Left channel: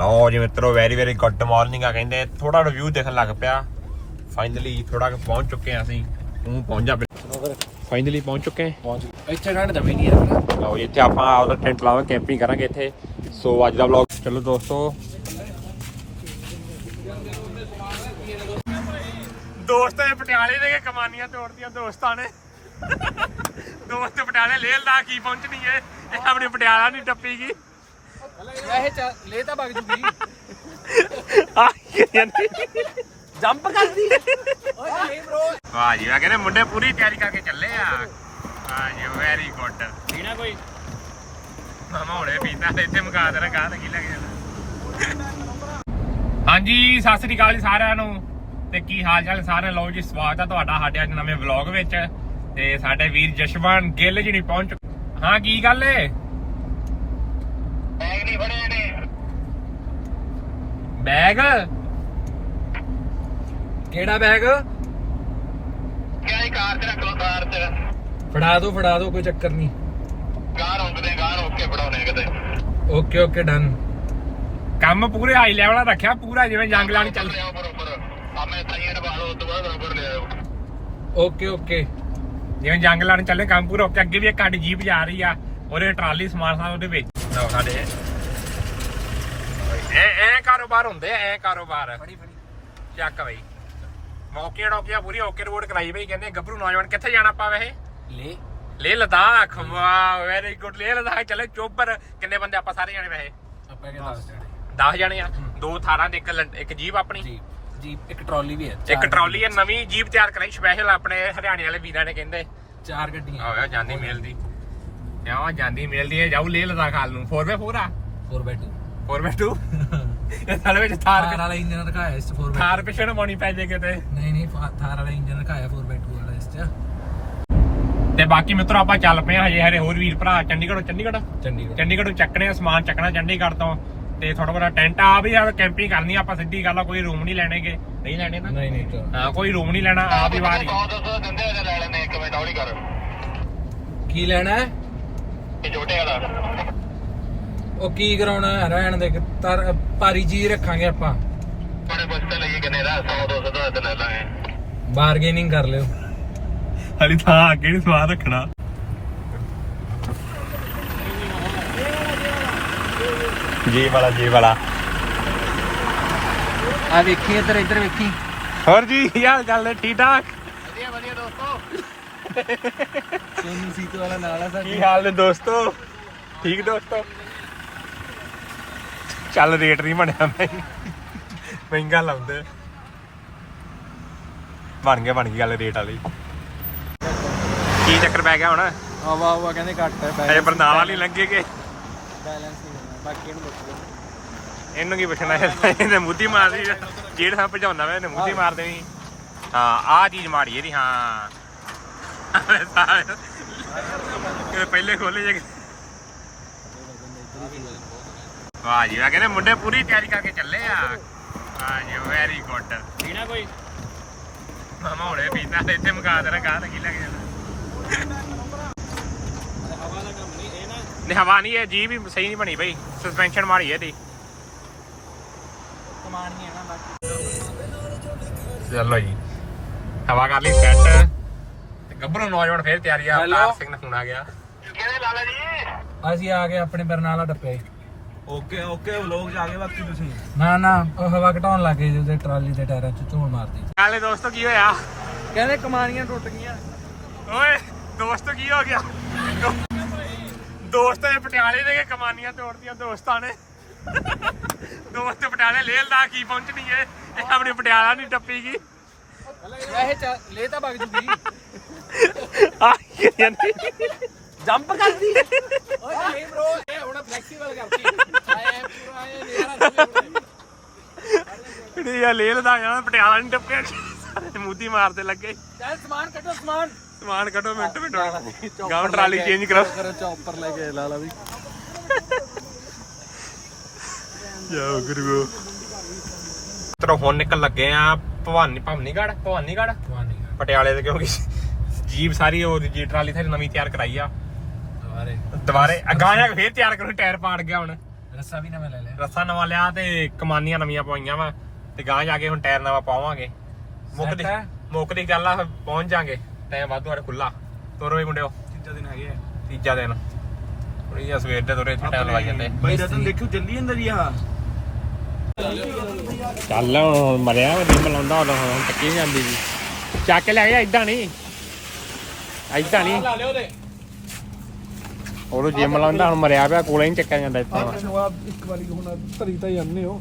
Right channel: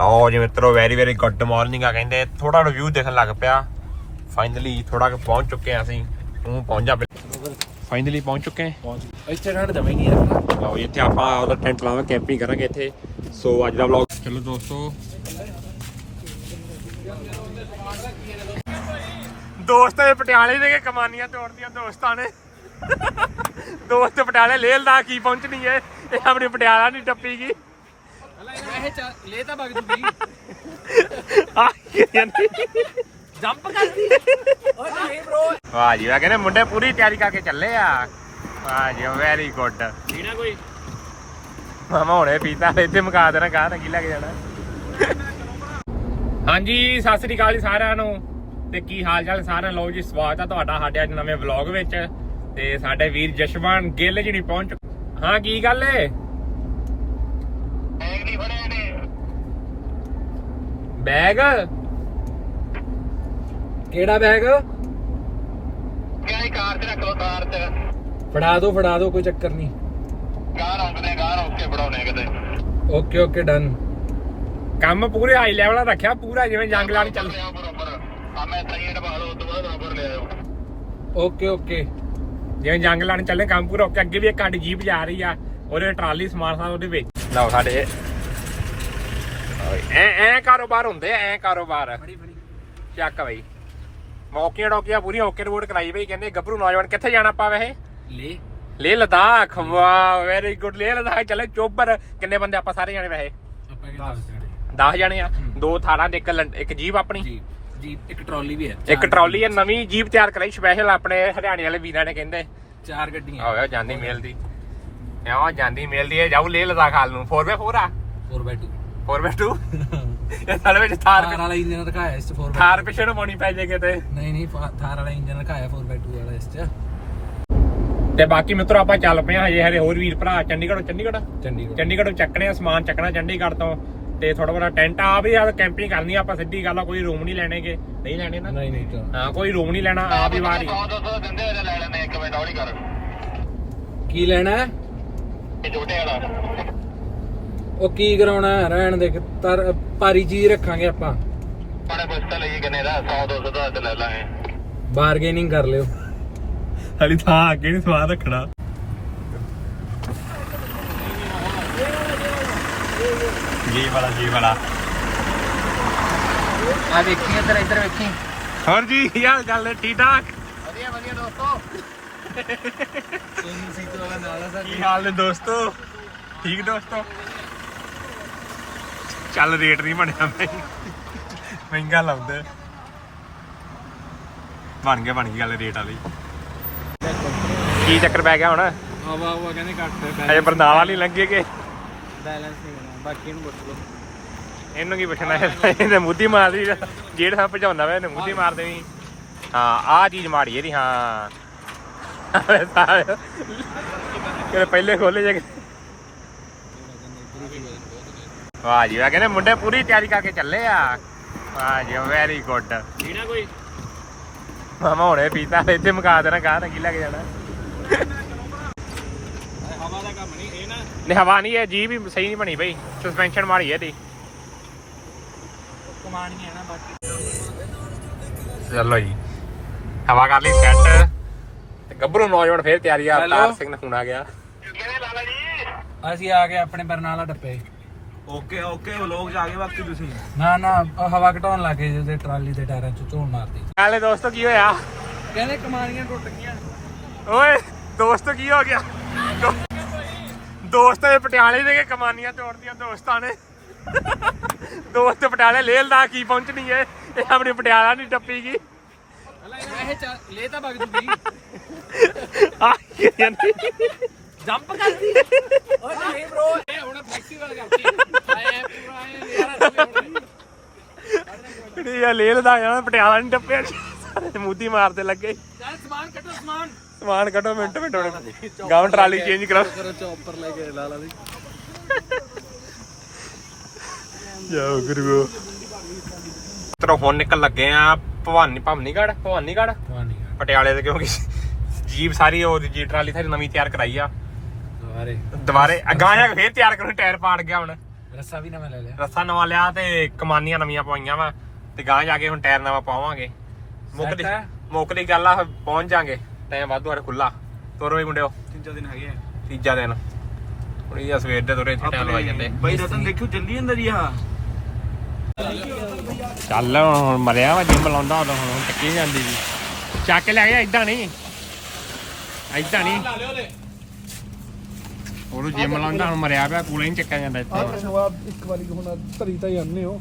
ਲਓ ਜੀ ਮਿੱਤਰੋ ਵੈਰੀ ਵੈਰੀ ਗੁੱਡ ਮਾਰਨਿੰਗ ਆ ਕਹਿੰਦੇ। ਥੋੜਾ ਰਿਵਿਊ ਦੇਖਣ ਲੱਗ ਪਿਆ। ਫਾਈਨਲੀ ਥੋੜਾ ਕੁ ਪਹੁੰਚ ਚੁੱਕੇ ਆ ਅਸੀਂ। ਤੂੰ ਪਹੁੰਚ ਜਾ ਫਾਈਨਲੀ ਪਹੁੰਚ ਚੁੱਕੇ ਆ ਪਹੁੰਚ ਗਏ। ਇੱਥੇ ਠੰਡ ਜਮੀ ਨਹੀਂ ਹੈ ਲਓ ਜੀ ਇੱਥੇ ਆਪਾਂ ਆਪਦਾ ਟੈਂਟ ਲਾਵਾਂਗੇ ਕੈਂਪਿੰਗ ਕਰਾਂਗੇ ਇੱਥੇ। ਸੋ ਅੱਜ ਦਾ ਵਲੌਗ ਚਲੋ ਦੋਸਤੋ। ਦੋਸਤ ਇਹ ਪਟਿਆਲੇ ਨੇ ਕਮਾਨੀਆਂ ਤੋੜਦੀਆਂ ਦੋਸਤਾਂ ਨੇ। ਦੋਸਤ ਪਟਿਆਲੇ ਲੇਹ ਲਦਾ ਕੀ ਪਹੁੰਚਣੀ ਏ ਇਹ ਆਪਣੀ ਪਟਿਆਲਾ ਨਹੀਂ ਟੱਪੀ ਗਈ। ਇਹ ਲੈ ਤਾਂ ਵਗ ਜੂਗੀ ਆ ਕੀ ਕਹਿੰਦੀ ਜੰਪ ਕਰਦੀ। ਓਏ ਨਹੀਂ ਬ్రో ਵਾਹ ਜੀ ਵਾਹ ਕਹਿੰਦੇ ਮੁੰਡੇ ਪੂਰੀ ਤਿਆਰੀ ਕਰਕੇ ਚੱਲੇ ਆ। ਵਾਹ ਜੀ ਵੈਰੀ ਗੁੱਡ ਪੀਣਾ ਕੋਈ? ਮਾਮਾ ਹੁਣੇ ਪੀਤਾ ਇੱਥੇ ਮੁਕਾ ਦੇਣਾ ਗਾਹ ਤਾਂ ਕੀ ਲੱਗ ਜਾਣਾ। ਹਾਂਜੀ ਸਤਿ ਸ੍ਰੀ ਅਕਾਲ ਜੀ ਸਾਰਿਆਂ ਨੂੰ। ਤੇ ਕੀ ਹਾਲ ਚਾਲ ਸਾਰਿਆਂ? ਲੋ ਜੀ ਸਵਾਗਤ ਹੈ ਤੁਹਾਡਾ ਸਾਡੇ ਅੱਜ ਨਵੇਂ ਵਲੌਗ ਵਿੱਚ। ਤੇ ਸਾਡੇ ਵੀਰ ਜਸ਼ਵੰਤ ਗਿੱਲ ਜੀ ਨਹੀਂ ਪਹੁੰਚ ਹਾਂ ਕੀ ਗੱਲ ਏ? ਬੈਗ? ਕਿਹੜਾ ਬੈਗ? ਹੀ ਕਾਰ ਚ ਰੱਖੋ ਕਾਰ ਚ ਫੜਾ ਦੋ ਫੜਾ ਦੋ ਕੋਈ ਚੱਕਰ ਨਹੀਂ। ਕਾਰ ਰੁਕਦੇ ਕਾਰ ਓਕੇ ਬਣਾਉਣੇ ਕਿਤੇ। Okay okay done. ਕੰਮ ਪੂਰੇ ਹਾਈ ਲੈਵਲ ਦਾ ਰੱਖਿਆ ਪੂਰਾ ਜਿਵੇਂ ਜੰਗ ਲਾਣੀ ਚੱਲ ਬਰੋਬਰ ਕੰਮ ਇਦਾਂ ਹੀ ਨਿਭਾ ਲਓ ਉਸ ਤੋਂ ਬਾਅਦ ਬਰੋਬਰ ਲੈ ਆਓ ਓਕੇ ਓਕੇ। ਜਿਵੇਂ ਜੰਗ ਲਾਣ ਚੱਲੇ ਕੰਮ ਪੂਰਾ ਹੋ ਕੇ ਅੱਗੇ ਵੀ ਇੱਕ ਸਾਡੀ ਜੀਪ ਜਾ ਰਹੀ ਆ ਉਹਦੇ ਟਰਾਲੀ ਸਮਾਨ ਸਾਰਾ ਉਹਦੇ ਵਿੱਚ। ਲਓ ਸਾਡੇ ਐ ਐ ਕਾਰੋਬਾਰ ਹੁੰਦੇ ਐ ਕਾਰੋਬਾਰ। ਫੜੀ ਫੜੀ ਚੱਕ ਬਈ। ਮੌਕੇ ਡੋਕੀਆਂ ਪੂਰੀ ਓਕੇ ਰਿਪੋਰਟ ਕਰਾਈ ਬਈ ਕਹਿੰਦੇ ਗੱਭਰੂ ਨੌਜਵਾਨ ਕਿੱਥੇ ਜਾਣਾ ਪਾ ਵੈਸੇ? ਲੈ। ਲੇਹ ਲਦਾਖ। ਵਾਹ ਵੈਰੀ ਗੁੱਡ ਲੇਹ ਲਦਾਖ। ਚੱਲੇ ਚੋਬਰ ਕਿੰਨੇ ਬੰਦੇ ਆਪਾਂ ਸਾਰੇ ਜਾਣੇ ਵੈਸੇ? ਆਪਾਂ ਕਿਹੜਾ ਦੱਸ ਜਾਣੇ? 10 ਜਾਣੇ ਆ। ਦੋ ਥਾਰਾਂ ਦੇ ਇੱਕ ਲੰ- ਇੱਕ ਜੀਪ ਆਪਣੀ। ਜੀ ਜੀ ਇੱਕ ਟਰਾਲੀ ਵੀ ਹੈ ਇੱਕ ਟਰਾਲੀ ਆ ਨਵੀਂ ਜੀਪ ਤਿਆਰ ਕਰਾਈ ਸਪੈਸ਼ਲ ਆਪਣੇ ਹਰਿਆਣੇ ਵਾਲੇ ਵੀਰਾਂ ਨੇ ਕਹਿੰਦੇ। ਚਾਰ ਗੱਡੀਆਂ। ਆਵੇ ਜਾਂਦੀ ਮੇਲ ਦੀ। ਆ ਜਾਂਦੀ ਮੇਲ ਦੀ ਇਹ ਜਾਊ ਲੇਹ ਲਦਾਖ ਹਾਲ ਨੂੰ। 4x4 ਆ? 4x2 4x2 ਇਹ ਸਾਲੇ ਵਿੱਚ ਥਾਰ ਥਾਰ ਵਾਲਾ ਇੰਜਨ ਰਖਾਇਆ ਇਸ 'ਚ 4x2 ਥਾਰ ਪਿੱਛੇ ਨੂੰ ਪਾਉਣੀ ਪੈ ਜੇ ਕਿਤੇ। ਨਹੀਂ ਨਹੀਂ ਫਾ- ਥਾਰ ਵਾਲਾ ਇੰਜਨ ਰਖਾਇਆ 4x2 ਵਾਲਾ ਇਸ 'ਚ। ਤੇ ਬਾਕੀ ਮਿੱਤਰੋ ਆਪਾਂ ਚੱਲ ਪਏ ਆ ਹਜੇ ਹਰੇ ਹੋਰ ਵੀਰ ਭਰਾ ਚੰਡੀਗੜ੍ਹੋਂ ਚੰਡੀਗੜ੍ਹ? ਚੰਡੀਗੜ੍ਹ। ਚੰਡੀਗੜ੍ਹੋਂ ਚੱਕਣੇ ਆ ਸਮਾਨ ਚੱਕਣਾ ਚੰਡੀਗੜ੍ਹ ਤੋਂ। ਤੇ ਥੋੜਾ ਬੜਾ ਟੈਂਟ ਆ ਵੀ ਆ ਕੈਂਪਿੰਗ ਕਰਨੀ ਆ ਆਪਾਂ ਸਿੱਧੀ ਗੱਲ ਆ ਕੋਈ ਰੂਮ ਨਹੀਂ ਲੈਣੇਗੇ। ਨਹੀਂ ਲੈਣੇ ਨਾ? ਨਹੀਂ ਨਹੀਂ ਤਾਂ ਹਾਂ ਕੋਈ ਰੂਮ ਨਹੀਂ ਲੈਣਾ ਆ ਵੀ ਵਾਰੀ। 100 200 ਦਿੰਦੇ ਇਹਦੇ ਲੈ ਲੈਣੇ ਇੱਕ ਮਿੰਟ ਹੌਲੀ ਕਰ ਕੀ ਲੈਣਾ? ਹੈ ਇਹ ਛੋਟੇ ਵਾਲਾ। ਉਹ ਕੀ ਕਰਾਉਣਾ ਹੈ? ਰਹਿਣ ਦੇ ਤਰ ਭਾਰੀ ਚੀਜ਼ ਰੱਖਾਂਗੇ ਆਪਾਂ। ਪਾਣੇ ਪੁੱਛਤਾ ਲਈਏ ਕਿੰਨੇ ਦਾ 100 200 ਦਾ ਤੇ ਲੈ ਲਾਂਗੇ। ਬਾਰਗੇਨਿੰਗ ਕਰ ਲਿਓ। ਹਲੀ ਥਾਂ ਅੱਗੇ ਨਹੀਂ ਸਵਾਦ ਰੱਖਣਾ। ਜੀ ਵਾਲਾ ਜੀ ਵਾਲਾ। ਆ ਵੇਖੀ ਇੱਧਰ ਇੱਧਰ ਵੇਖੀ। ਹੋਰ ਜੀ ਕੀ ਹਾਲ ਚਾਲ ਨੇ? ਠੀਕ ਠਾਕ? ਵਧੀਆ ਵਧੀਆ ਦੋਸਤੋ। ਸੋਨੀ ਸੀਟ ਵਾਲਾ ਨਾਲ ਆ ਕੀ ਹਾਲ ਨੇ ਦੋਸਤੋ? ਠੀਕ ਦੋਸਤੋ? ਚੱਲ ਰੇਟ ਨਹੀਂ ਬਣਿਆ ਮਹਿੰ- ਮਹਿੰਗਾ ਲਾਉਂਦੇ। ਬਣ ਗਿਆ ਬਣ ਗਈ ਗੱਲ ਰੇਟ ਵਾਲੀ। ਕੀ ਚੱਕਰ ਪੈ ਗਿਆ ਹੁਣ? ਆਵਾ ਆਵਾ ਕਹਿੰਦੇ ਘੱਟ ਅਜੇ ਬਰਨਾਲਾ ਨਹੀਂ ਲੰਘੇਗੇ ਬੈਲੈਂਸ ਨਹੀਂ ਬਾਕੀ ਨੂੰ ਇਹਨੂੰ ਕੀ ਪੁੱਛਣਾ ਹੈ? ਇਹਨੇ ਮੁੱਦੀ ਮਾਰਦੀ ਜੇੜ ਸਾਂ ਭਜਾਉਂਦਾ ਵੇ ਇਹਨੇ ਮੁੱਦੀ ਮਾਰ ਦੇਣੀ। ਹਾਂ ਆਹ ਚੀਜ਼ ਮਾੜੀ ਇਹਦੀ ਹਾਂ। ਕਿਤੇ ਪਹਿਲੇ ਖੋਲੇ ਜੇ। ਵਾਹ ਜੀ ਵਾਹ ਕਹਿੰਦੇ ਮੁੰਡੇ ਪੂਰੀ ਤਿਆਰੀ ਕਰਕੇ ਚੱਲੇ ਆ। ਵਾਹ ਜੀ ਵੈਰੀ ਗੁੱਡ ਪੀਣਾ ਕੋਈ? ਮਾਮਾ ਹੁਣੇ ਪੀਤਾ ਇੱਥੇ ਮੁਕਾ ਦੇਣਾ ਗਾਹ ਤਾਂ ਕੀ ਲੱਗ ਜਾਣਾ। ਹਵਾ ਦਾ ਕੰਮ ਨਹੀਂ ਇਹ ਨਾ ਨਹੀਂ ਹਵਾ ਨਹੀਂ ਇਹ ਜੀ ਵੀ ਸਹੀ ਨਹੀਂ ਬਣੀ ਬਈ। ਸਸਪੈਂਸ਼ਨ ਮਾਰੀ ਇਹਦੀ। ਕਮਾਣੀ ਹੈ ਨਾ ਬਾਕੀ। ਚਲੋ ਜੀ। ਹਵਾ ਕਰ ਲਈ ਸੈੱਟ ਤੇ ਗੱਭਰੂ ਨੌਜਵਾਨ ਫੇਰ ਤਿਆਰੀ ਆ? ਅਵਤਾਰ ਸਿੰਘ ਨੇ ਫੋਨ ਆ ਗਿਆ। ਕਿਹਨੇ ਲਾਲਾ ਜੀ? ਅਸੀਂ ਆ ਗਏ ਆਪਣੇ ਬਰਨਾਲਾ ਟੱਪੇ ਓਕੇ ਓਕੇ ਉਹ ਲੋਕ ਜਾ ਕੇ ਬਾਕੀ ਤੁਸੀਂ। ਨਾ ਨਾ ਉਹ ਹਵਾ ਘਟਾਉਣ ਲੱਗੇ ਜਿਹਦੇ ਟਰਾਲੀ ਦੇ ਟਾਇਰਾਂ 'ਚ ਧੂੜ ਮਾਰਦੀ। ਹਾਲੇ ਦੋਸਤੋ ਕੀ ਹੋਇਆ? ਕਹਿੰਦੇ ਕਮਾਣੀਆਂ ਟੁੱਟ ਗਈਆਂ। ਓਏ ਦੋਸਤੋ ਕੀ ਹੋ ਗਿਆ? ਦੋ- ਦੋਸਤ ਇਹ ਪਟਿਆਲੇ ਕਿ ਕਮਾਨੀਆਂ ਤੋੜਦੀਆਂ ਦੋਸਤਾਂ ਨੇ। ਦੋਸਤ ਪਟਿਆਲੇ ਲੇਹ ਦਾ ਕੀ ਪਹੁੰਚਣੀ ਏ? ਇਹ ਆਪਣੀ ਪਟਿਆਲਾ ਨਹੀਂ ਟੱਪੀ ਗਈ ਇਹ ਲੈ ਤਾਂ ਵਗ ਜੂਗੀ। ਆ ਕੀ ਕਹਿੰਦੀ ਜੰਪ ਕਰਦੀ ਓਏ ਨਹੀਂ ਬ్రో ਇਹ ਹੁਣ ਫਲੈਕਸੀਬਲ ਕਰਦੀ ਆਏ ਪੂਰਾ ਇਹ ਯਾਰ ਇਹ ਆ ਲੇਹ ਦਾ ਜਾਣਾ ਪਟਿਆਲਾ ਨਹੀਂ ਟੱਪਿਆ ਸਾਰੇ ਮੂਦੀ ਮਾਰਦੇ ਲੱਗੇ। ਚੱਲ ਸਮਾਨ ਕੱਢੋ ਸਮਾਨ। ਸਮਾਨ ਕੱਢੋ ਮਿੰਟ ਮਿੰਟ ਹੋਣੇ। ਗਾਉਂ ਟਰਾਲੀ ਚੇਂਜ ਕਰੋ ਕਰ ਚੌਪਰ ਲੈ ਕੇ ਲਾ ਲਾ ਵੀ ਜਾਓ ਗੁਰੂ ਤਰੋ ਹੁਣ ਨਿਕਲ ਲੱਗੇ ਆ ਭਵਾਨੀ ਭਵਾਨੀਗੜ ਭਵਾਨੀਗੜ ਪਟਿਆਲੇ ਦੇ ਕਿਉਂਕਿ ਜੀਪ ਸਾਰੀ ਉਹ ਜੀ ਟਰਾਲੀ ਸਾਰੀ ਨਵੀਂ ਤਿਆਰ ਕਰਾਈ ਆ। ਦੁਬਾਰੇ। ਦੁਬਾਰੇ। ਅਗਾਂ ਜਾ ਕੇ ਫੇਰ ਤਿਆਰ ਕਰਨ ਟਾਇਰ ਪਾੜ ਗਿਆ ਹੁਣ। ਰੱਸਾ ਵੀ ਨਵਾਂ ਲੈ ਲਿਆ। ਰੱਸਾ ਨਵਾਂ ਲਿਆ ਤੇ ਕਮਾਨੀਆਂ ਨਵੀਆਂ ਪਵਾਈਆਂ ਵਾ ਤੇ ਗਾਂ ਜਾ ਕੇ ਹੁਣ ਟਾਇਰ ਨਵਾਂ ਪਾਵਾਂਗੇ। ਮੁੱਕ ਦੀ? ਮੁੱਕ ਦੀ ਗੱਲ ਆ ਪਹੁੰਚ ਜਾਾਂਗੇ। ਟਾਈਮ ਵਾਧੂ ਸਾਡੇ ਖੁੱਲਾ ਤੋਰੋ ਵੀ ਮੁੰਡਿਓ। ਤੀਜਾ ਦਿਨ ਹੈਗੇ ਆ ਤੀਜਾ ਦਿਨ। ਹੁਣ ਇਹ ਸਵੇਰ ਦੇ ਤੁਰੇ ਇੱਥੇ ਟਾਈਮ ਲਵਾਈ ਜਾਂਦੇ। ਬਈ ਰਤਨ ਦੇਖਿਓ ਜਲਦੀ ਅੰਦਰ ਹੀ ਆ। ਚੱਲ ਹੁਣ ਮਰਿਆ ਵਾ ਜਿੰਮ ਲਾਉਂਦਾ ਉਦੋਂ ਹੁਣ ਟੱਕੀ ਜਾਂਦੀ ਜੀ ਚੱਕ ਲੈ ਗਿਆ ਇਦਾਂ ਨਹੀਂ। ਇਦਾਂ ਨਹੀਂ। ਲਾ ਲਿਓ ਦੇ ਉਹਨੂੰ ਜਿੰਮ ਲਾਉਂਦਾ ਹੁਣ ਮਰਿਆ ਪਿਆ ਕੋਲੇ ਨਹੀਂ ਚੱਕਿਆ ਜਾਂਦਾ ਇੱਥੇ। ਆਹ ਜਵਾਬ ਇੱਕ ਵਾਰੀ ਹੁਣ ਧਰੀ ਤਾਂ ਜਾਂਦੇ ਹੋ।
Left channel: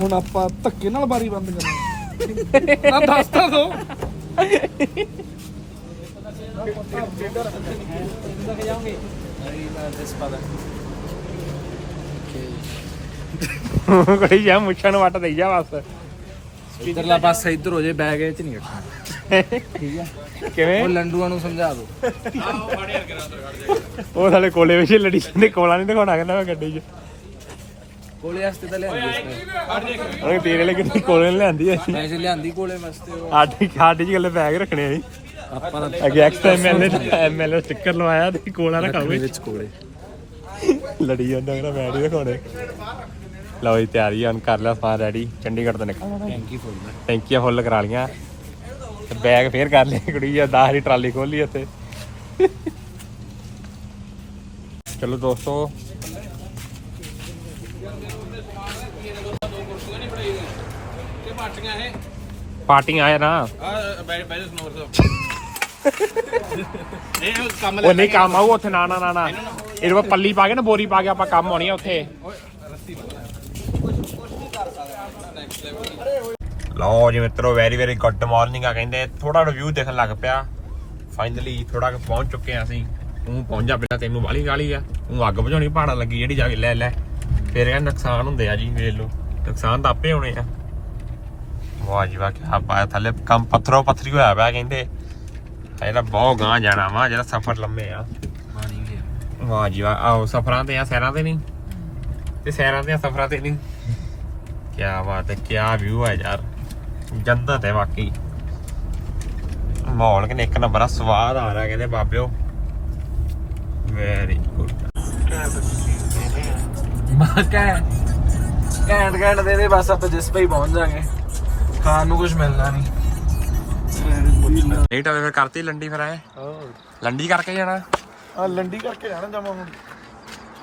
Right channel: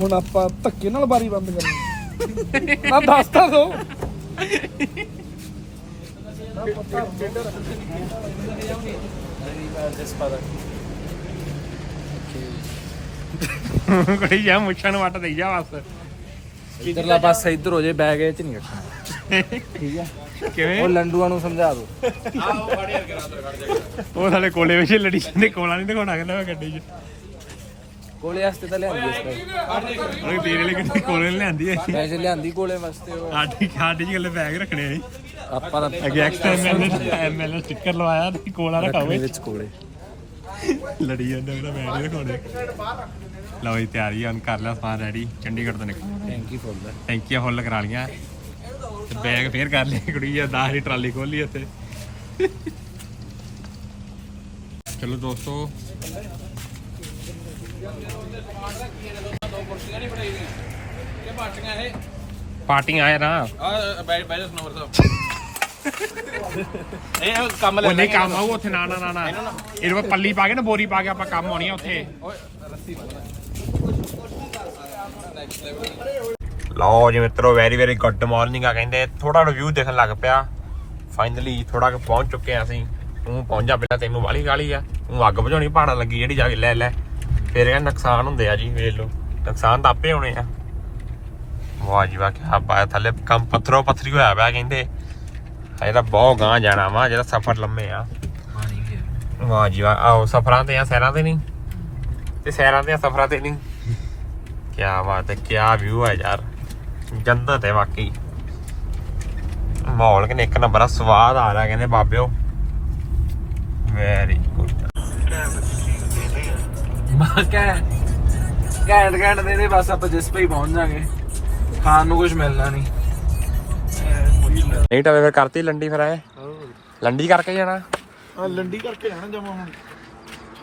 ਹੁਣ ਆਪਾਂ ਧੱਕੇ ਨਾਲ ਬਾਰੀ ਬੰਦ ਕਰਨੀ ਨਾ ਦੱਸ ਤਾਂ ਦੋ। ਕੋਈ ਜਾ ਮੁੱਛਾਂ ਨੂੰ ਵੱਟ ਦੇਈ ਜਾ ਬਸ। ਇਧਰਲਾ ਪਾਸਾ ਇੱਧਰ ਹੋ ਜੇ ਬੈਗ ਇਹ ਚ ਨਹੀਂ ਰੱਖਣਾ। ਠੀਕ ਆ ਕਿਵੇਂ? ਉਹ ਲੰਡੂਆਂ ਨੂੰ ਸਮਝਾ ਦਿਓ ਉਹ ਸਾਲੇ ਕੋਲੇ ਵਿੱਚ ਲੜੀ ਜਾਂਦੇ ਕੋਲਾ ਨਹੀਂ ਦਿਖਾਉਣਾ ਕਹਿੰਦਾ ਮੈਂ ਗੱਡੀ 'ਚ। ਕੋਲੇ ਵਾਸਤੇ ਤਾਂ ਲਿਆਂਦੀ ਇਸ ਉਹ ਤੇਰੇ ਲਈ ਕਿਤੇ ਕੋਲੇ ਨੀ ਲਿਆਂਦੀ ਐ ਪੈਸੇ ਲਿਆਂਦੀ ਕੋਲੇ ਵਾਸਤੇ ਉਹ। ਆਡੀ ਆਡੀ 'ਚ ਗੱਲੇ ਬੈਗ ਰੱਖਣੇ ਆ ਜੀ। ਆਪਾਂ ਤਾਂ ਅੱਗੇ ਐਕਸਐਮਐਲ ਐਮਐਲ ਸਟicker ਲਵਾਇਆ ਤੇ ਕੋਲਾ ਰਖਾਵੇ ਵਿੱਚ ਕੋਲੇ। ਲੜੀ ਜਾਂਦਾ ਮੇਰਾ ਮੈਂ ਨਹੀਂ ਦਿਖਾਉਣੇ ਲਓ ਜੀ ਤਿਆਰੀ ਆ ਹੁਣ ਕਰ ਲਿਆ ਸਾਰਾ ਰੈਡੀ ਚੰਡੀਗੜ੍ਹ ਤੋਂ ਨਿਕਲ। ਟੈਂਕੀ ਫੁੱਲ ਦਾ ਟੈਂਕੀਆਂ ਫੁੱਲ ਕਰਾ ਲੀਆਂ ਤੇ ਬੈਗ ਫੇਰ ਕਰ ਲਈ ਕੁੜੀ ਆ 10 ਦੀ ਟਰਾਲੀ ਖੋਲੀ ਇੱਥੇ ਚਲੋ ਦੋਸਤੋ। ਪਾਰਟੀਆਂ ਆਏ ਨਾ। ਇਹ ਕੰਮ ਉਹ ਨਹੀਂ ਕੰਮ ਆਊ ਉੱਥੇ, ਨਾ ਨਾ ਨਾ ਨਾ। ਇਹਦੇ ਕੋਲ ਪੱਲੀ ਪਾ ਕੇ ਨਾ, ਬੋਰੀ ਪਾ ਕੇ ਆਪਾਂ ਕੰਮ ਆਉਣੀ ਆ ਉੱਥੇ। ਲਓ ਜੀ ਮਿੱਤਰੋ ਵੈਰੀ ਵੈਰੀ ਗੁੱਡ ਮਾਰਨਿੰਗ ਆ ਕਹਿੰਦੇ। ਥੋੜਾ ਰਿਵਿਊ ਦੇਖਣ ਲੱਗ ਪਿਆ। ਫਾਈਨਲੀ ਥੋੜਾ ਕੁ ਪਹੁੰਚ ਚੁੱਕੇ ਆ ਅਸੀਂ। ਤੂੰ ਪਹੁੰਚਾ ਪਹਿਲਾਂ ਤੈਨੂੰ ਵਾਲੀ ਗਾਲੀ ਆ। ਤੂੰ ਅੱਗ ਬੁਝਾਉਣੀ ਪਹਾੜਾਂ ਲੱਗੀ ਜਿਹੜੀ ਜਾ ਕੇ ਲੈ ਲੈ। ਫਿਰ ਇਹ ਨੁਕਸਾਨ ਹੁੰਦੇ ਆ ਜੀ, ਵੇਖ ਲਓ। ਨੁਕਸਾਨ ਤਾਂ ਆਪੇ ਹੋਣੇ ਆ। ਵਾਹ ਜੀ ਵਾਹ ਕੀ ਬਾਤ ਥੱਲੇ ਕੰਮ ਪੱਥਰੋ ਪੱਥਰੀ ਹੋਇਆ ਪਿਆ ਕਹਿੰਦੇ। ਇਹਦਾ ਬਹੁਤ ਗਾਂ ਜਾਣਾ ਵਾ, ਜਿਹੜਾ ਸਫ਼ਰ ਲੰਮੇ ਆ। ਵਾਹ ਜੀ ਵਾਹ ਆਓ ਸਫ਼ਰਾਂ ਤੇ ਆ, ਸੈਰਾਂ ਤੇ ਨਹੀਂ? ਤੇ ਸੈਰਾਂ ਤੇ ਆ, ਸਫ਼ਰਾਂ ਤੇ ਨਹੀਂ? ਕਿਆ ਬਾਤ ਹੈ ਕਿਆ ਵਿਊ ਹੈ ਯਾਰ। ਜੰਨਤ ਹੈ ਵਾਕਈ ਮਾਹੌਲ ਕਿਨੇ ਇੱਕ ਨੰਬਰ ਆ ਸਵਾਦ ਆ ਰਿਹਾ ਕਹਿੰਦੇ ਬਾਬਿਓ। ਵੈਰੀ ਗੁੱਡ ਘੈਂਟ ਘੈਂਟ ਦੇ ਦੇ ਬਸ ਆਪਾਂ ਜਿਸ ਪੇ ਹੀ ਪਹੁੰਚ ਜਾਾਂਗੇ। ਖਾਣ ਨੂੰ ਕੁਝ ਮਿਲਣਾ ਨਹੀਂ। ਨਹੀਂ ਤਾਂ ਫਿਰ ਕਰਤੀ ਲੰਡੀ ਫਿਰ ਐ ਲੰਡੀ ਕਰਕੇ ਜਾਣਾ। ਆ ਲੰਡੀ ਕਰਕੇ ਜਾਣਾ ਜਮਾ ਹੁਣ।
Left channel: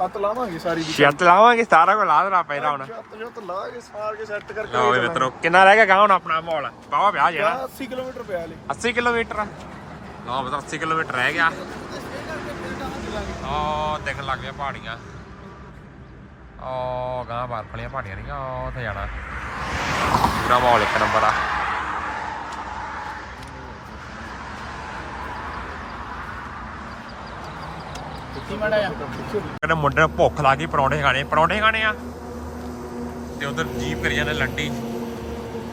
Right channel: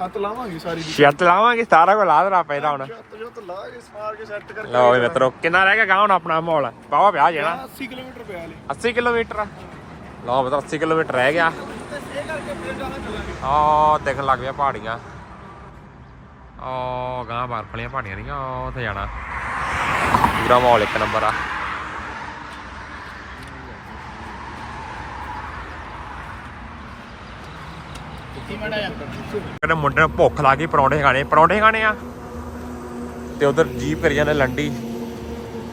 ਲਾਵਾਂਗੇ ਸਾਰੀ ਦੀ। ਲਾਵਾਂਗੇ ਸਾਰਾ ਕੁਝ ਲਾ ਦੇਣਾ ਪੈਦਾ ਹੁਣ। ਜੱਤ ਜੱਤ ਲਾ ਕੇ ਸਾਰ ਕੇ ਸੈੱਟ ਕਰਕੇ ਲਓ ਵੀ ਮਿੱਤਰੋ ਕਿੰਨਾ ਰਹਿ ਗਿਆ ਗਾਂ ਹੁਣ ਆਪਣਾ ਮਾਹੌਲ? ਬਾਵਾ ਵਿਆਹ ਜਾਣਾ 80 ਕਿਲੋਮੀਟਰ ਪਿਆ ਲੈ 80 ਕਿਲੋਮੀਟਰ ਲਓ ਬਤਾ 80 ਕਿਲੋਮੀਟਰ ਰਹਿ ਗਿਆ। ਆ ਦੇਖਣ ਲੱਗ ਪਿਆ ਪਹਾੜੀਆਂ। ਆ ਗਾਂ ਬਰਫ ਵਾਲੀਆਂ ਪਹਾੜੀਆਂ ਨਹੀਂ ਆ ਉੱਥੇ ਜਾਣਾ। ਪੂਰਾ ਮਾਹੌਲ ਇੱਕ ਨੰਬਰ ਆ। ਕਹਿੰਦੇ ਮੁੰਡੇ ਨੂੰ ਭੁੱਖ ਲੱਗੀ ਪਰੌਂਠੇ ਖਾਣੇ। ਪਰੌਂਠੇ ਖਾਣੇ ਆ? ਤੇ ਉਧਰ ਜੀਪ ਕਰੀ ਜਾਂਦੇ ਲੰਡੀ।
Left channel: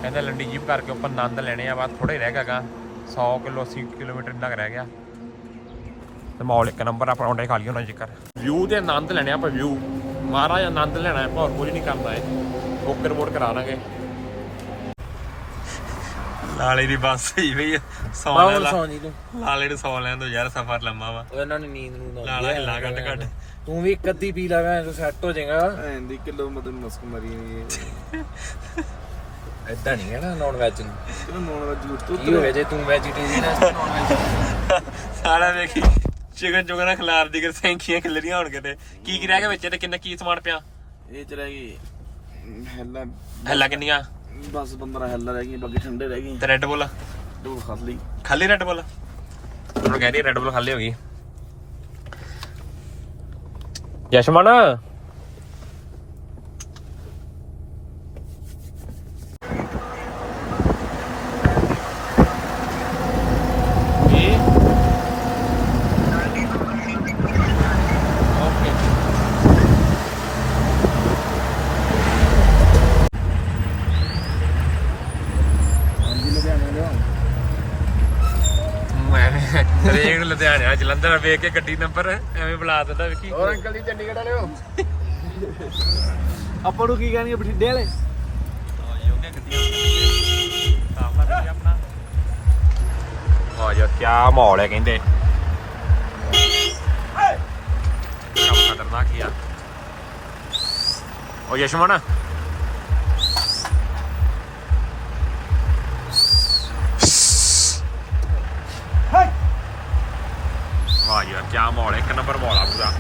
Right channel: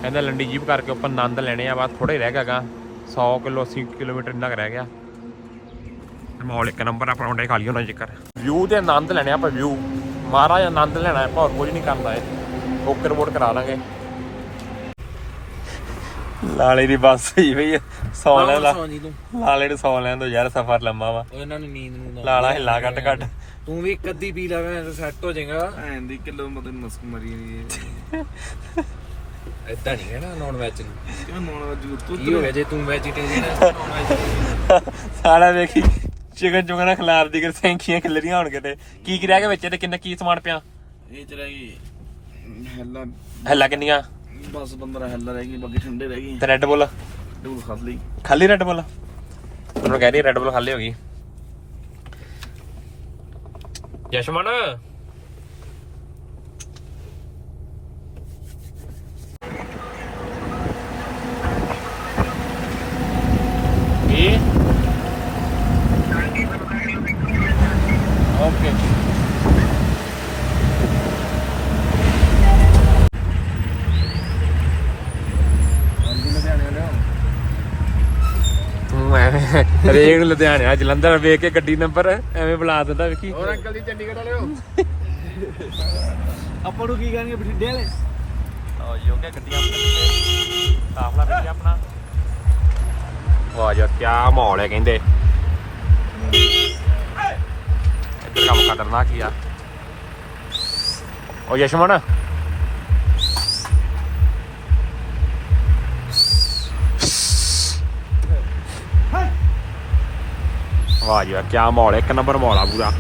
ਕਹਿੰਦਾ ਲੰਡੀ ਜੀਪ ਕਰਕੇ ਉੱਪਰ ਆਨੰਦ ਲੈਣੇ ਆ, ਬਸ ਥੋੜੇ ਰਹਿ ਗਿਆਗਾ 100 ਕਿਲੋ 80 ਕਿਲੋਮੀਟਰ ਇੰਨਾ ਰਹਿ ਗਿਆ। ਤੇ ਮਾਹੌਲ ਇੱਕ ਨੰਬਰ ਆ, ਪਰੌਂਠੇ ਖਾ ਲਈ ਉਹਨਾਂ ਜ਼ਿਕਰ ਵਿਊ ਤੇ ਆਨੰਦ ਲੈਣੇ ਆ ਆਪਾਂ ਵਿਊ ਮਹਾਰਾਜ ਆਨੰਦ ਲੈਣਾ ਆਪਾਂ ਹੋਰ ਕੁਝ ਨਹੀਂ ਕਰਨਾ ਏ ਓਕਰ ਵੋਟ ਕਰਾ ਲਾਂਗੇ ਲਾਲੇ ਦੀ ਬੱਸ ਹੋਈ ਆ ਸੌ ਲੈ ਲਾ। ਤੂੰ। ਲਾਲੇ ਨੂੰ ਸੌ ਲੈਣ ਦੋ ਯਾਰ ਸਫ਼ਰ ਲੰਮਾ ਵਾ। ਉਹਨਾਂ ਨੂੰ ਨੀਂਦ ਨੂੰ ਲਾਲਾ ਹਿੱਲਾ ਕੱਟ ਕੱਟ ਤੂੰ ਵੀ ਇੱਕ ਅੱਧੀ ਪੀ ਲਗਾ ਤਾਂ ਸੈੱਟ ਹੋ ਜਾਏਗਾ। ਐਂ ਦੀ ਕਿਲੋ ਮਤਨ ਮਸਕ ਮਰੀ ਹੋਈ ਹੈ ਇਦਾਂ ਨਹੀਂ ਹੈ ਨਾ ਨੌਨ ਵੈਜ ਨੂੰ। ਕਿਉਂ ਨੌਨ ਵਜ ਉੱਤੋਂ ਕੀ ਹੋਇਆ ਜੇ ਤੂੰ ਵੈਜੀਟੇਰੀਅਨ ਹੈ ਨੌਨ ਸਾਲਾ ਵੇਖੀ ਚਿਕਨ ਚੁਗਣਾ ਖਿਲਾਰ ਦੀ ਕਿ ਸੈਂਖੀਆਂ ਖਿਲਰੀਆਂ ਹੋਣ ਕਿਤੇ। ਕੀ ਕੀ ਰਹਿ ਗਿਆ ਵਿੱਚ ਇਹਦੇ ਕਿੰਨਾ ਕੀ ਸਮਾਨ ਪਿਆ? ਇਹ ਚ ਰਹਿ ਗਈ। ਹੈਲਾ ਹੱਲਾ ਕਿੰਨੀਆਂ? ਬਸ 15 ਹੈਲਾ ਰਹਿ ਗਈ ਬਾਕੀ ਠੰਡੇ ਰਹਿ ਗਏ। ਤੇ ਰੈੱਡ ਬੁੱਲ ਦੋ ਖਾਸ ਲਈ। ਖਾਲੀ ਰੈੱਡ ਬੁੱਲ ਉਹਨੂੰ ਕਹਿ ਰਹੀ ਰੈੱਡ ਬੁੱਲ ਖਾਲੀ ਹੋ ਗਈ। ਯਸ਼ਮਨ ਕੀ ਓਕੇ ਤੂੰ ਐਵੇਂ ਹਰੇਕ ਲੁਧਿਆਣੇ ਆ ਜਲੰਧਰ ਵੇਖ ਕੇ ਗੱਡੀ ਨੰਬਰ ਐਵੇਂ ਬੁਲਾ ਦਿੰਦਾ ਵੇਖੀ ਹੋਰ ਅੰਕਲ ਜੀ ਚੰਡੀਗੜ੍ਹ ਵਾਲਿਓ ਆਪਾਂ ਨੂੰ ਕੀ ਕਹਿੰਦੇ ਬਠਿੰਡੇ ਵਾਲੇ? ਹੋ ਗਿਆ ਗੱਡੀਆਂ ਆਪਣੇ ਕਾਫਲਾ ਵੀ ਆਪਣਾ। ਵਾਹ ਯਾਰ ਕੀ ਮਾਹੌਲ ਹੈ ਕਹਿੰਦੇ। ਇੱਧਰ ਕੰਮ ਖਤਰਨਾਕ ਹੀ ਆ। ਉਹ ਯਸ਼ਮਨ ਵਾਹ ਯਾਰ ਕੀ ਮਾਹੌਲ ਹੈ ਇੱਕ ਨੰਬਰ ਮਾਹੌਲ ਆ ਪੂਰਾ।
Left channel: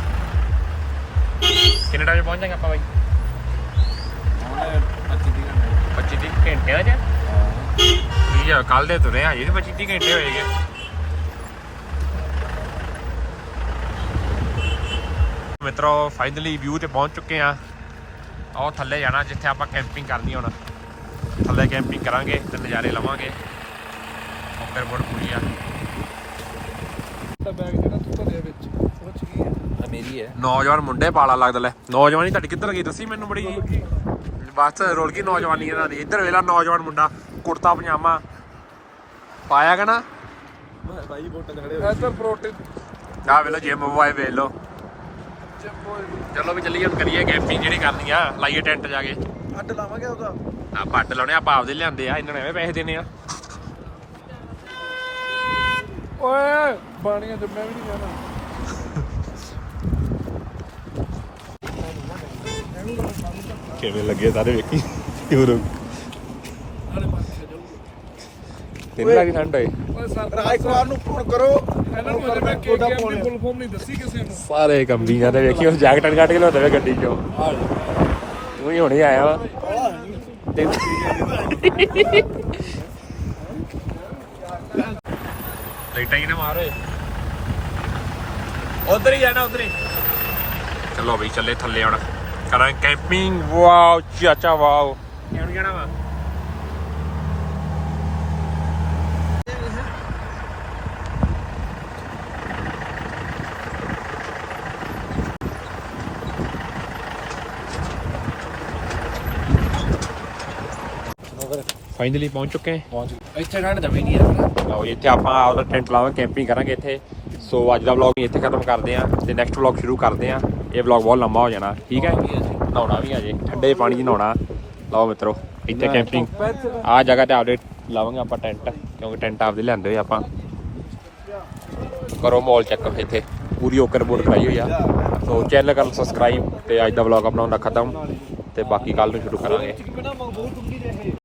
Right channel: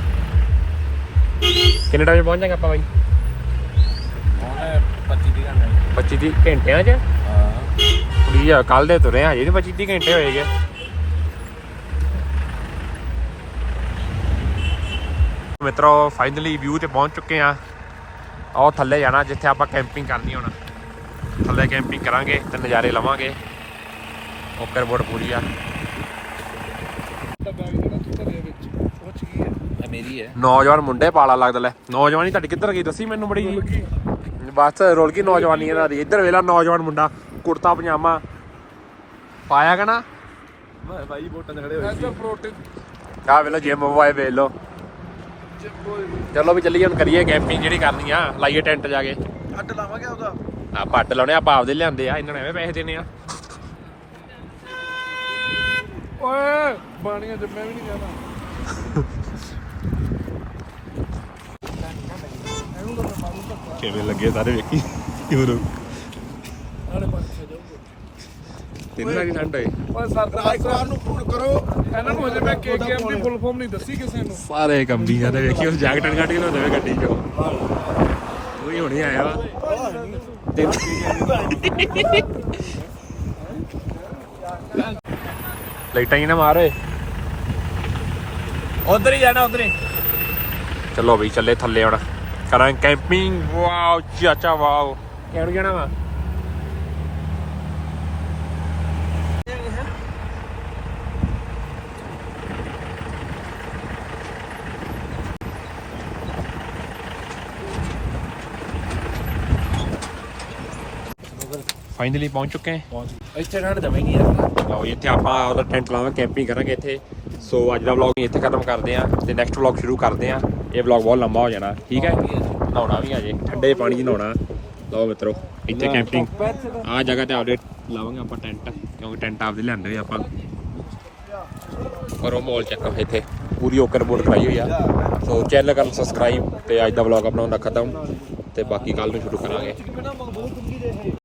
ਕਿੰਨੇ ਟਾਈਮ ਪਹੁੰਚ ਜਾਏਗਾ ਆਪਾਂ ਬਾਈ? 25 30 ਘੰਟਿਆਂ ਚ? ਕੁੜੀ ਆ ਕੱਲ ਦੇ ਤੁਰੇ ਆ ਹਜੇ ਵੀ 25 30 ਘੰਟੇ ਹੋਏਗੇ ਮਿੱਤਰੋ ਫਾਈਨਲੀ ਵਿਊ ਤੇ ਪਹੁੰਚ ਚੁੱਕੇ ਆ। ਆਓ ਥੱਲੇ ਜਾਣਾ ਜਿੱਥੇ ਆਪਾਂ ਕੈਂਪਿੰਗ ਕਰਨੀ ਹੁਣ। ਥੱਲੇ ਕੈਂਪਿੰਗ ਕਰਾਂਗੇ ਤੇ ਨਜ਼ਾਰੇ ਲਵਾਂਗੇ। ਓਕਰ ਬੋਰਡ ਪੂਰੀ ਆ। ਤਾਂ ਬੈਗ ਜਿਹੜਾ ਤੂੰ ਭਰਿਆ ਵਿੱਚ ਪੁੱਛ ਗਈ ਹੈ? ਆ ਮੇਰੀ ਹੈ। ਨੌਜਵਾਨ ਮੁੰਡੇ ਪਾਲਾ ਲੱਗਦਾ ਲੈ। ਨੌਜਵਾਨੀ ਤੁਹਾਡੀ ਕਿੱਧਰ ਗਈ? ਦੱਸੀ ਮੈਨੂੰ ਬੜੀ ਜੀ ਬਸ ਰੋਲ ਗਈ ਨੌਜਵਾਨੀ ਇਹਨਾਂ ਦੀ। ਇੱਧਰ ਵੇਲਾ ਨੌਜਵਾਨ ਮੁੰਡਾ ਕੁੜਤਾ ਪਜਾਮਾ। ਪਾਇਆ ਕਨਾ ਬਾਈ ਵੋਟਾਂ ਦੇ ਖੜੇ ਨੈਚੁਰਲ ਪ੍ਰੋਟੀਨ ਆ ਵੇਲੋ ਜਿਮ ਬੁਆਏ ਵੇਖ ਲੋ ਚਲੋ ਵੀ ਚੱਲੀਏ ਹੁਣ ਕਰੀਏ ਕੈਂਪਿੰਗ ਜਿਹੜੀ ਕਰਨੀ ਆ। ਲਾਈਏ ਟੈਂਟ ਜਾ ਕੇ। ਅੱਡ ਲਾਵਾਂਗੇ ਉਹਦਾ। ਆ ਪੱਟ ਲਾਉਣੇ ਆਪਾਂ ਆਪਦੇ ਲਿਆਂਦੇ ਆ। ਇਹਨਾਂ ਨੇ ਐਵੇਂ ਪੈਸੇ ਦੇਣੇ ਆ। ਓਏ ਬਾਣੀਆਂ ਤੇ ਮੈਂ ਵੀ ਨਹੀਂ ਜਾਣਾ। ਕਿਵੇਂ ਲੱਗੇ ਸਾਰੇ ਵੇਖੀ? ਹੋਰ ਨਾਲੇ ਪਾਸੇ ਜਾਊਗਾ। ਤੈਨੂੰ ਲੱਗੀ ਠੰਡ ਹੋਏ ਓਏ ਸਰ ਲਾਈਕ ਨੂੰ ਫੋਨ ਕਰੋ। ਇਹਨਾਂ ਨੂੰ ਅਜੇ ਮੈਂ ਕੇ ਕੇ ਦੀ ਫੁੱਲ ਫਾਰਮ ਨਹੀਂ ਦੱਸੀ ਕਿਸੇ ਨੂੰ। ਸਾਰੇ ਕੰਬੀ ਜਾਂਦੇ ਵੇਖੀ ਉਸ ਜੈਕਟਾਂ ਕੱਢ ਕੇ ਲਿਆਉਂਦੇ ਵੇ ਗੱਡੀ ਚੋਂ। ਤੂੰ ਹੀ ਹੁਣੇ ਆਇਆ ਵਾ। ਦਿਲ ਲਾਈਟਾਂ ਹੀ ਨਾ ਮਾਰੇ ਉਧਰ ਹੀ ਜਾਣਾ ਉਧਰ ਹੀ। ਚਲੋ ਬਈ ਚੱਲੇ ਥੱਲੇ ਹੁਣ। ਕਰਾਂ ਕੈਂਪਿੰਗ ਵਾਓ ਚਾਚਾ ਵਾਓ। ਕਿਹੜ ਜਾਣਾ ਵਾ? ਫਾਈਨਲੀ ਪਹੁੰਚ ਚੁੱਕੇ ਹਾਂ। ਪਹੁੰਚ ਇੱਥੇ ਠੰਡ ਜਮੇ ਨਹੀਂ ਹੈ ਲਓ ਜੀ, ਇੱਥੇ ਆਪਾਂ ਆਪਦਾ ਟੈਂਟ ਲਾਵਾਂਗੇ ਕੈਂਪਿੰਗ ਕਰਾਂਗੇ ਇੱਥੇ। ਸੋ ਅੱਜ ਦਾ ਵਲੌਗ ਇੱਥੇ ਖਤਮ ਕਰਦੇ ਆਂ ਤੇ ਨੈਕਸਟ ਵਲੌਗ ਸ਼ੁਰੂ ਕਰਦੇ ਆਂ ਇਹ ਵਲੌਗ ਬਹੁਤ ਲੰਮਾ ਹੋ ਜਾਣਾ ਠੀਕ ਹੈ? ਨਹਾਉਣਾ ਵੀ ਆ ਜੇ। ਠੰਡੇ ਪਾਣੀ 'ਚ ਨਹਾਉਣਾ। ਲਓ ਮਿੱਤਰੋ ਇੱਥੇ ਕੈਂਪਿੰਗ ਆ ਜਗ੍ਹਾ ਤੇ ਆਪਦੇ ਲਾਵਾਂਗੇ ਆਪਾਂ ਟੈਂਟ ਕਿਉਂਕਿ ਟੈਂਟ ਆਪਦੇ ਲਿਆਂਦੇ ਹੋਏ ਆਪਾਂ। ਕਰੋ ਮੌਲ ਚੈੱਕ ਇੱਥੇ। ਪੂਰੀ ਓਕਰ ਬੋਰਡ ਕਰਾਈ ਹੋਈ ਆ। ਸੋ ਚੈਨਲ ਕਰ ਸਬਸਕ੍ਰਾਈਬ ਤੇ ਅੱਜ ਦਾ ਵਲੌਗ ਆਪਣਾ ਹੁੰਦਾ ਖਤਮ। ਤੇ ਬਾਕੀ ਕੱਲ ਨੂੰ ਸ਼ੁਰੂ ਕਰਾਂਗੇ।